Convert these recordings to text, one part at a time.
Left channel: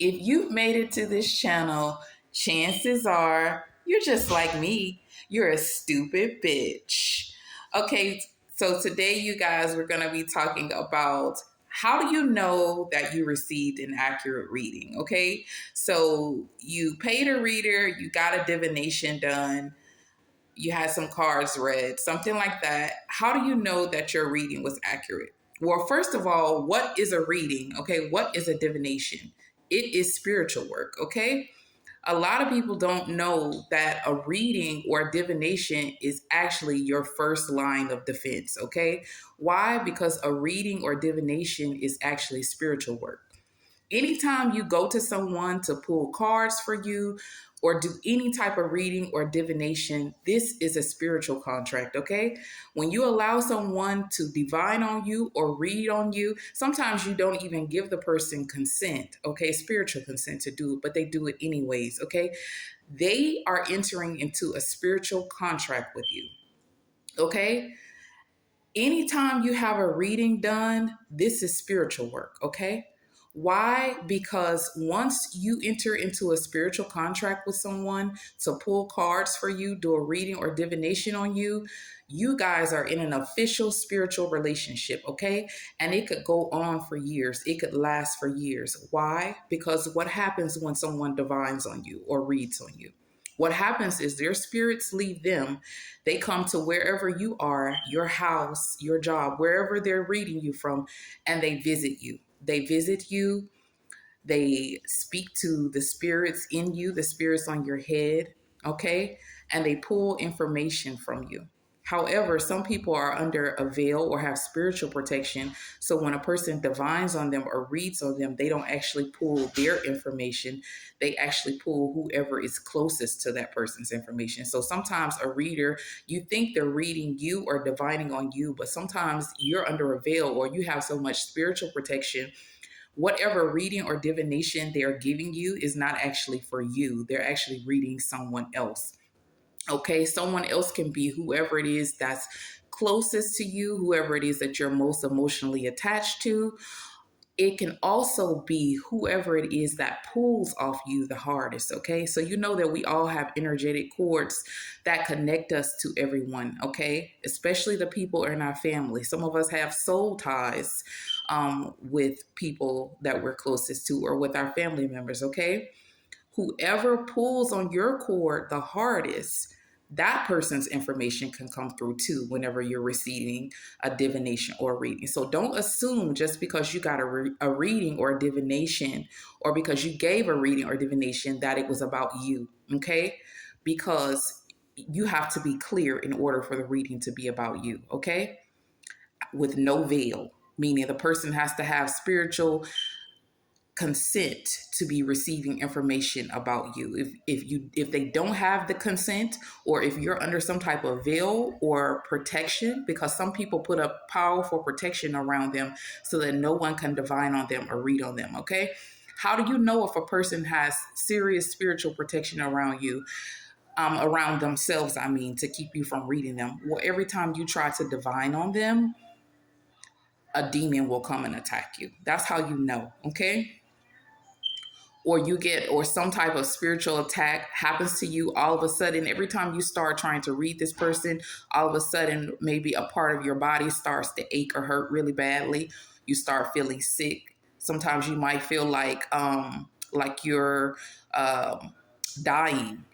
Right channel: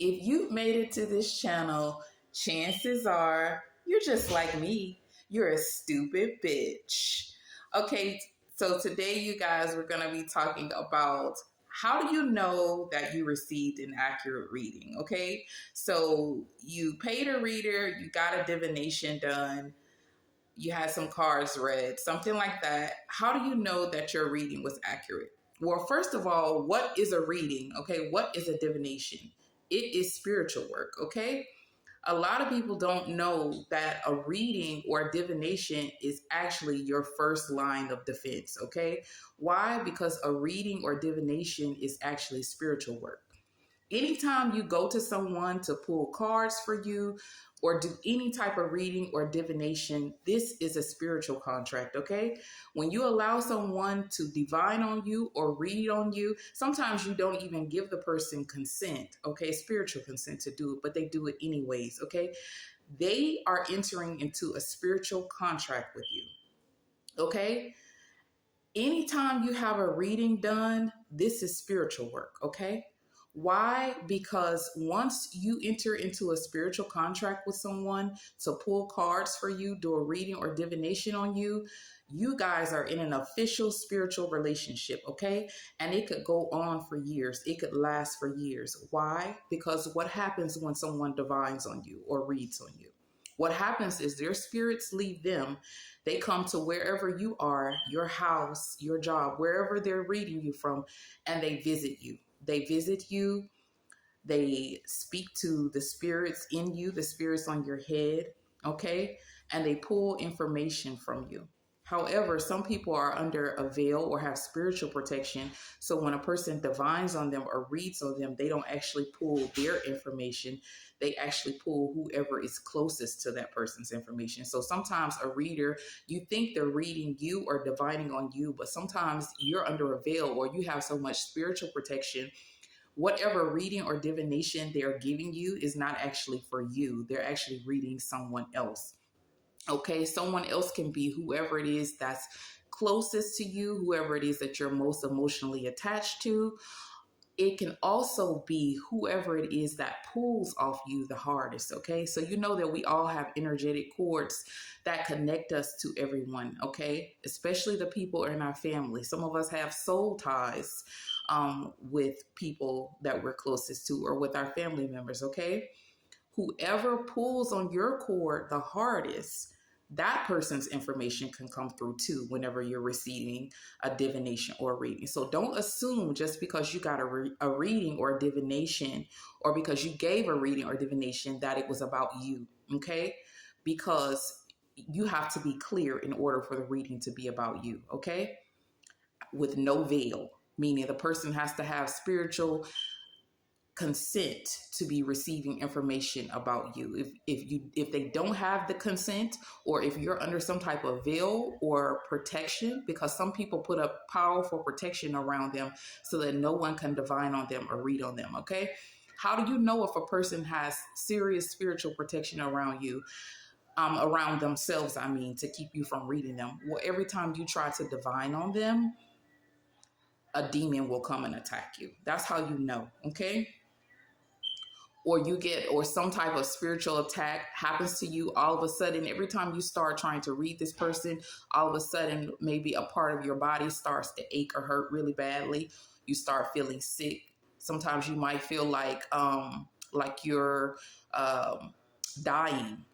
If you've made it to this channel, chances are you're just like me. You're a stupid bitch. Okay, so today, you guys, we're going to be talking about how do you know that you received an accurate reading? Okay, so you paid a reader, you got a divination done, you had some cards read, something like that. How do you know that your reading was accurate? Well, first of all, what is a reading? Okay, what is a divination? It is spiritual work, okay? A lot of people don't know that a reading or a divination is actually your first line of defense, okay? Why? Because a reading or divination is actually spiritual work. Anytime you go to someone to pull cards for you or do any type of reading or divination, this is a spiritual contract, okay? When you allow someone to divine on you or read on you, sometimes you don't even give the person consent, okay? Spiritual consent to do it, but they do it anyways, okay? They are entering into a spiritual contract with you, okay? Anytime you have a reading done, this is spiritual work, okay? Why? Because once you enter into a spiritual contract with someone to pull cards for you, do a reading or divination on you, you guys are in an official spiritual relationship, okay? And it could go on for years. It could last for years. Why? Because what happens when someone divines on you or reads on you? What happens is their spirits leave them. They come to wherever you are, your house, your job, wherever they're reading you from, and they visit you. They visit you. They speak to the spirits in you, the spirits on your head, okay? And they pull information from you. However, some people are under a veil or have spiritual protection. So when a person divines on them or reads on them, they don't actually pull their information. They actually pull whoever is closest to that person's information. So sometimes a reader, you think they're reading you or divining on you, but sometimes you're under a veil or you have so much spiritual protection. Whatever reading or divination they are giving you is not actually for you. They're actually reading someone else. Okay, someone else can be whoever it is that's closest to you, whoever it is that you're most emotionally attached to. It can also be whoever it is that pulls off you the hardest. Okay, so you know that we all have energetic cords that connect us to everyone. Okay, especially the people in our family. Some of us have soul ties with people that we're closest to or with our family members. Okay, whoever pulls on your cord the hardest, that person's information can come through too whenever you're receiving a divination or a reading. So don't assume just because you got a reading or a divination or because you gave a reading or divination that it was about you, okay? Because you have to be clear in order for the reading to be about you, okay? With no veil, meaning the person has to have spiritual consent to be receiving information about you. If they don't have the consent, or if you're under some type of veil or protection, because some people put a powerful protection around them so that no one can divine on them or read on them, okay? How do you know if a person has serious spiritual protection around you? Around themselves, I mean, to keep you from reading them. Well, every time you try to divine on them, a demon will come and attack you. That's how you know, okay? Or you get, or some type of spiritual attack happens to you all of a sudden. Every time you start trying to read this person, all of a sudden maybe a part of your body starts to ache or hurt really badly. You start feeling sick. Sometimes you might feel like you're dying.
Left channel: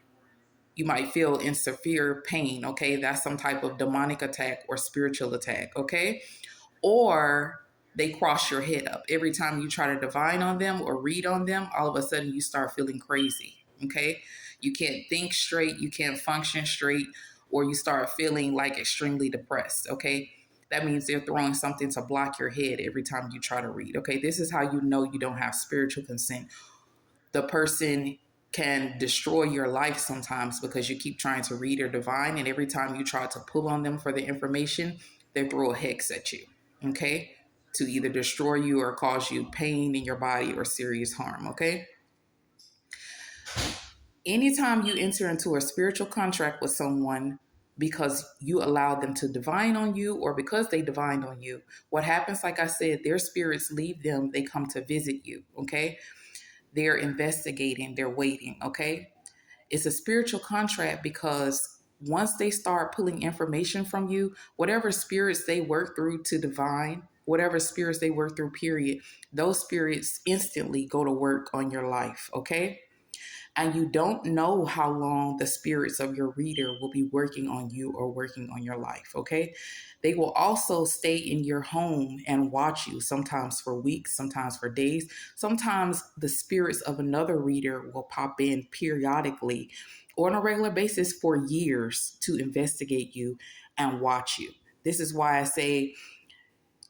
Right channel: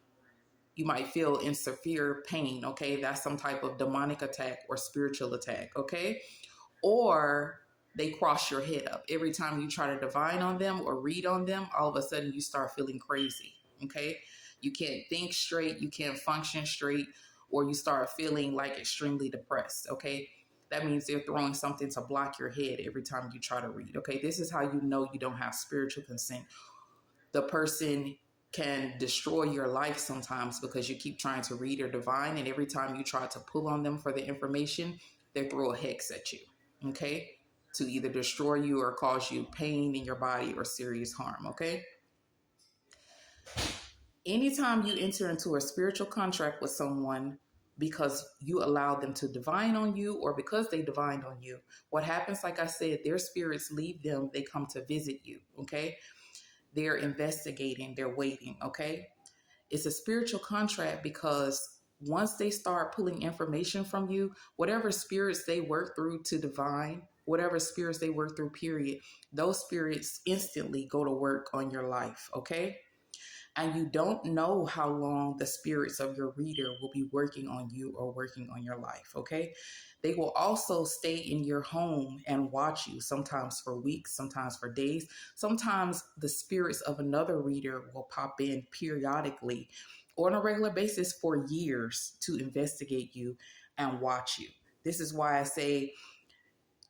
You might feel in severe pain. Okay, that's some type of demonic attack or spiritual attack. Okay, or they cross your head up. Every time you try to divine on them or read on them, all of a sudden you start feeling crazy. Okay, you can't think straight, you can't function straight, or you start feeling like extremely depressed. Okay, that means they're throwing something to block your head every time you try to read. Okay, this is how you know you don't have spiritual consent. The person can destroy your life sometimes because you keep trying to read or divine, and every time you try to pull on them for the information, they throw a hex at you, okay, to either destroy you or cause you pain in your body or serious harm, okay? Anytime you enter into a spiritual contract with someone because you allow them to divine on you or because they divined on you, what happens, like I said, their spirits leave them, they come to visit you, okay? They're investigating, they're waiting, okay? It's a spiritual contract because once they start pulling information from you, whatever spirits they work through to divine, whatever spirits they work through, period, those spirits instantly go to work on your life, okay? And you don't know how long the spirits of your reader will be working on you or working on your life, okay? They will also stay in your home and watch you, sometimes for weeks, sometimes for days. Sometimes the spirits of another reader will pop in periodically or on a regular basis for years to investigate you and watch you. This is why I say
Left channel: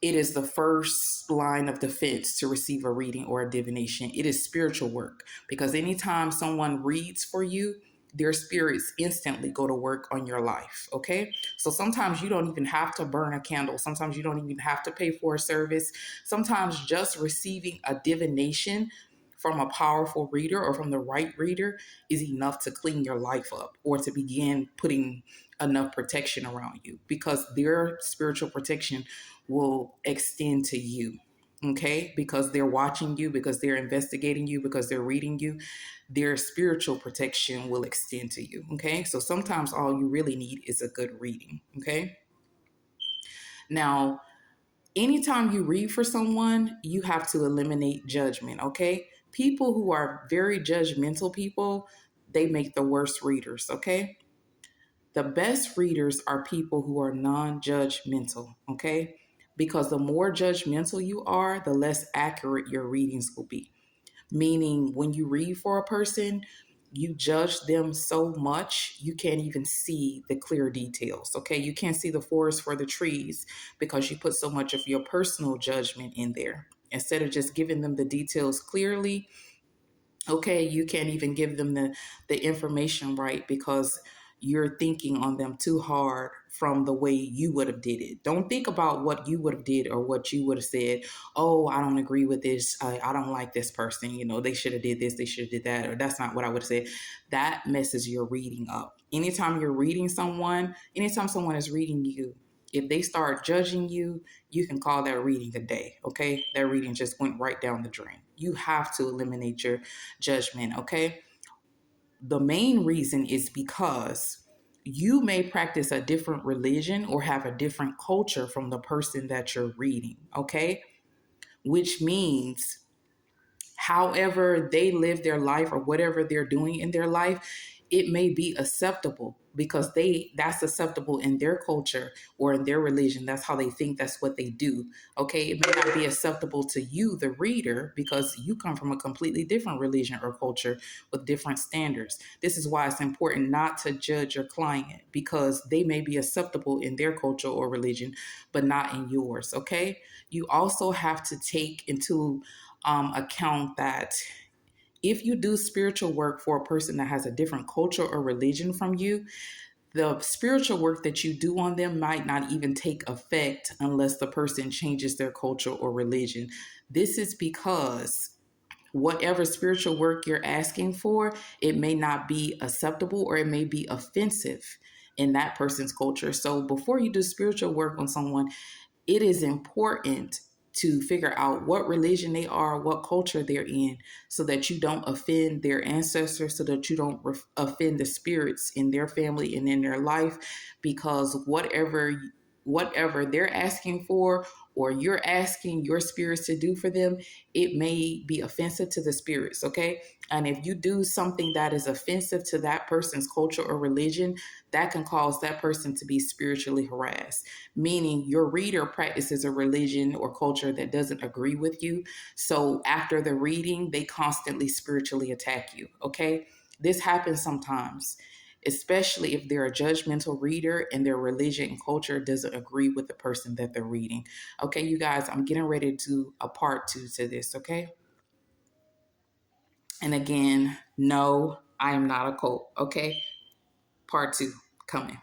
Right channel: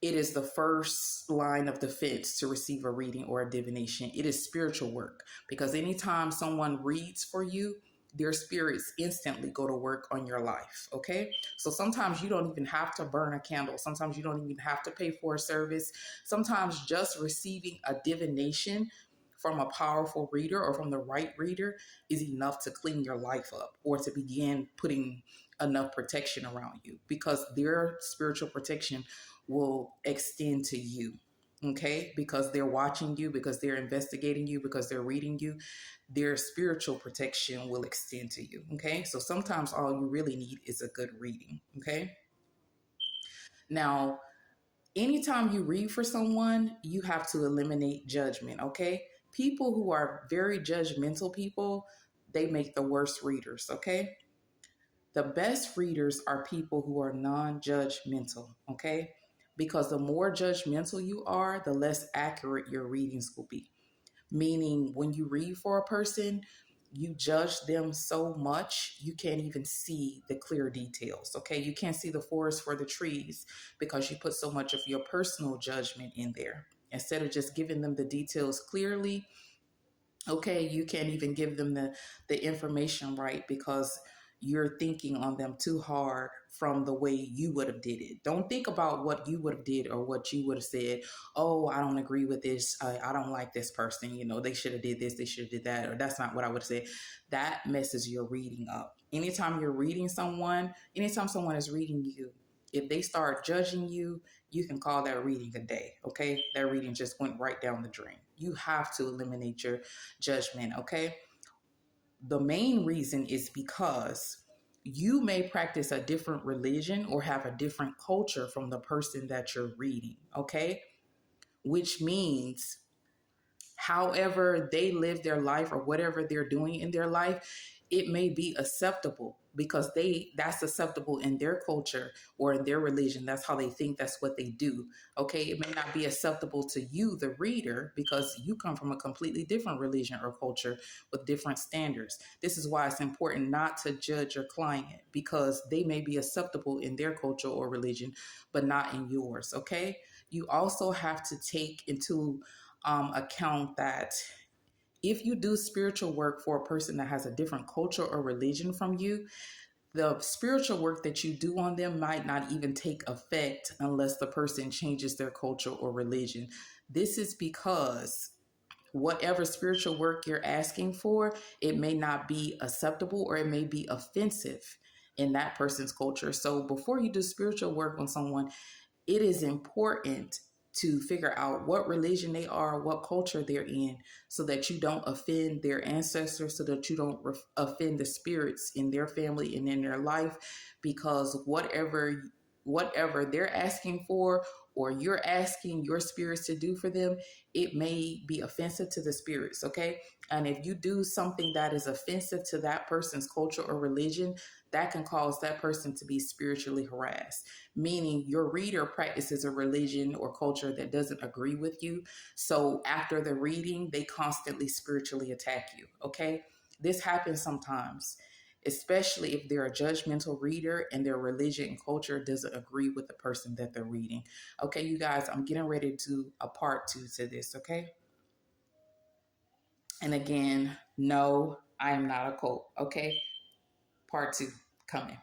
it is the first line of defense to receive a reading or a divination. It is spiritual work because anytime someone reads for you, their spirits instantly go to work on your life. Okay. So sometimes you don't even have to burn a candle. Sometimes you don't even have to pay for a service. Sometimes just receiving a divination from a powerful reader or from the right reader is enough to clean your life up or to begin putting enough protection around you because their spiritual protection will extend to you. Okay, because they're watching you, because they're investigating you, because they're reading you, their spiritual protection will extend to you. Okay, so sometimes all you really need is a good reading. Okay, now anytime you read for someone, you have to eliminate judgment. Okay, people who are very judgmental people, they make the worst readers. Okay, the best readers are people who are non judgmental, okay? Because the more judgmental you are, the less accurate your readings will be. Meaning, when you read for a person, you judge them so much you can't even see the clear details, okay? You can't see the forest for the trees because you put so much of your personal judgment in there. Instead of just giving them the details clearly, okay, you can't even give them the information right because you're thinking on them too hard from the way you would have did it. Don't think about what you would have did or what you would have said. Oh, I don't agree with this. I don't like this person. You know, they should have did this, they should have did that, or that's not what I would have said. That messes your reading up. Anytime you're reading someone, anytime someone is reading you, if they start judging you, you can call that reading a day. Okay, that reading just went right down the drain. You have to eliminate your judgment, okay? The main reason is because you may practice a different religion or have a different culture from the person that you're reading, okay? Which means however they live their life or whatever they're doing in their life, it may be acceptable because that's acceptable in their culture or in their religion. That's how they think, that's what they do. Okay, it may not be acceptable to you, the reader, because you come from a completely different religion or culture with different standards. This is why it's important not to judge your client because they may be acceptable in their culture or religion but not in yours. Okay, you also have to take into account that if you do spiritual work for a person that has a different culture or religion from you, the spiritual work that you do on them might not even take effect unless the person changes their culture or religion. This is because whatever spiritual work you're asking for, it may not be acceptable or it may be offensive in that person's culture. So before you do spiritual work on someone, it is important to figure out what religion they are, what culture they're in, so that you don't offend their ancestors, so that you don't offend the spirits in their family and in their life, because whatever they're asking for or you're asking your spirits to do for them, it may be offensive to the spirits, okay? And if you do something that is offensive to that person's culture or religion, that can cause that person to be spiritually harassed, meaning your reader practices a religion or culture that doesn't agree with you. So after the reading, they constantly spiritually attack you, okay? This happens sometimes, especially if they're a judgmental reader and their religion and culture doesn't agree with the person that they're reading. Okay, you guys, I'm getting ready to do a part 2 to this, okay? And again, no, I am not a cult, okay? Part 2 coming.